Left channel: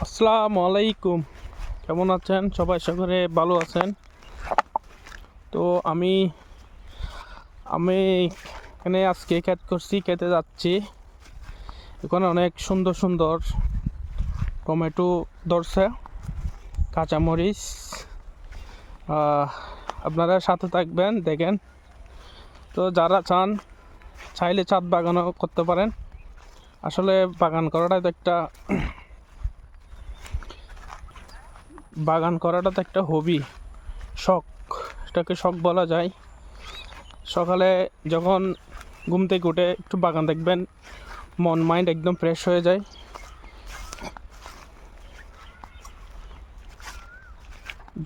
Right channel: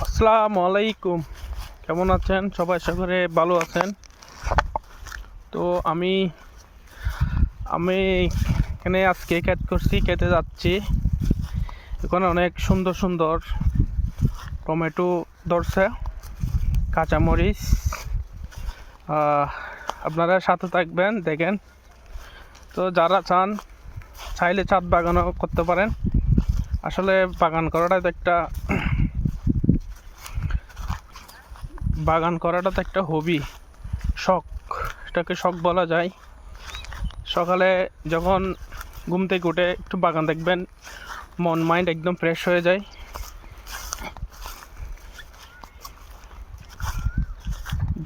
আসসালামু আলাইকুম। কেমন আছেন সবাই? আশা করে ভালো আছেন। তো আমি আমি এখানে আজকে ক্ষেত করছি, খেতে যাচ্ছি। এখানে অনেক সুন্দর সুন্দর টমেটো ধরছে, কাঁচামরিচ। আপনারা সাথে থাকবেন, দেখেন। তো যারা চাইলে ছাদ বাগানও করতে পারেন। আসলে বাগান করাটা তো একটা হবি, শখ। এটাকে শখ বলা যায়। সকালে যখন ঘুম থেকে উঠে একটু বাগান দেখবেন, মন মাইন্ড একদম ফ্রেশ হয়ে যায়।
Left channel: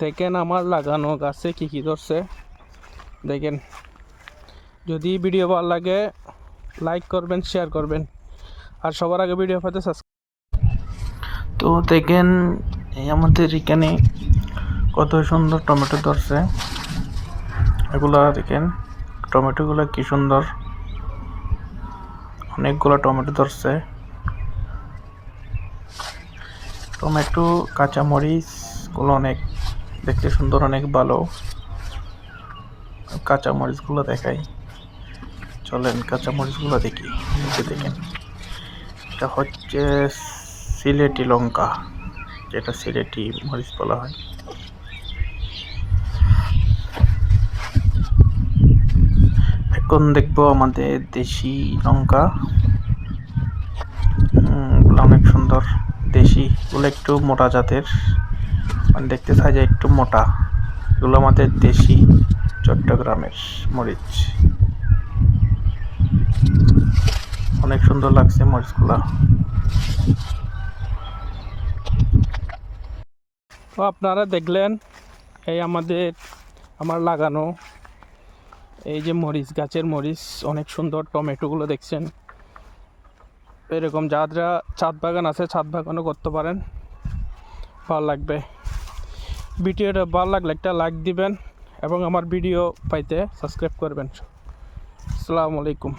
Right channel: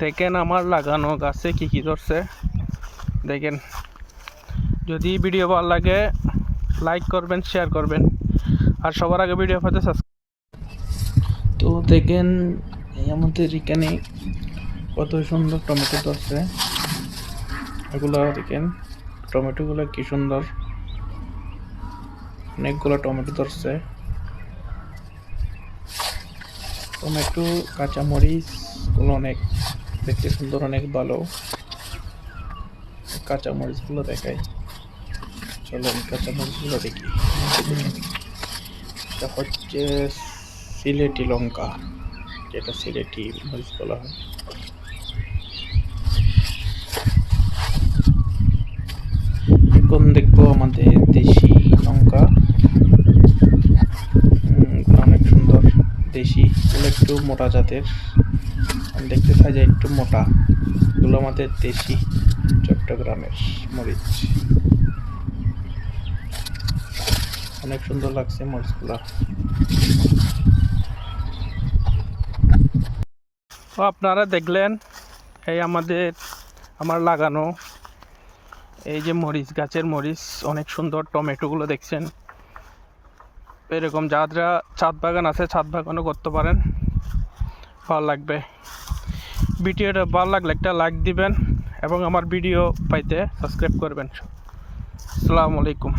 দেখেন আমার লাগানো গাছে কি কি ধরছে, দেখেন। যদি ভিডিও ভালো লাগে লাইক করবেন, শেয়ার করবেন, আর সবার আগে ভিডিও পাতে সাবস্ক্রাইব। তো দেখেন আমাদের এখানে কত সুন্দর টমেটো ধরছে। এগুলা দেখেন, টমেটোগুলো কি সুন্দর, অনেকগুলো টমেটো ধরছে। টমেটো, কাঁচামরিচ গুলো অনেক দেখতে সুন্দর, অনেক ভালো। কাঁচামরিচ গুলো দেখাই, চলেন কাঁচামরিচ গুলো দেখি। দেখেন, এটা হচ্ছে সিলেটি লঙ্কা, যেটা সিলেটি মরিচ বলা হয়। এখন দেখবো আমাদের দেশি লঙ্কা। অনেক সুন্দর দেশি গুলো, একটু মোটা জাতের, মানে দেখতে সাইজে একটু মোটা। এগুলো আমাদের দেশি চট্টগ্রামের মরিচ। অনেক সুন্দর লাগছে মরিচগুলা। তো আপনারা দেখলেন এই আমার লাগানো এই যে মরিচ, গাছের মরিচ, অনেক সুন্দর। টমেটোগুলো দেখছেন। এরকম যারা ছাদ বাগান আছে, ছাদ বাগানও করতে পারেন, ভালো লাগবে। ভিডিওটা ভালো লাগলে একটা লাইক দিবেন এবং আমার ভিডিও পাইতে সাবস্ক্রাইব করবেন। আসসালামু আলাইকুম।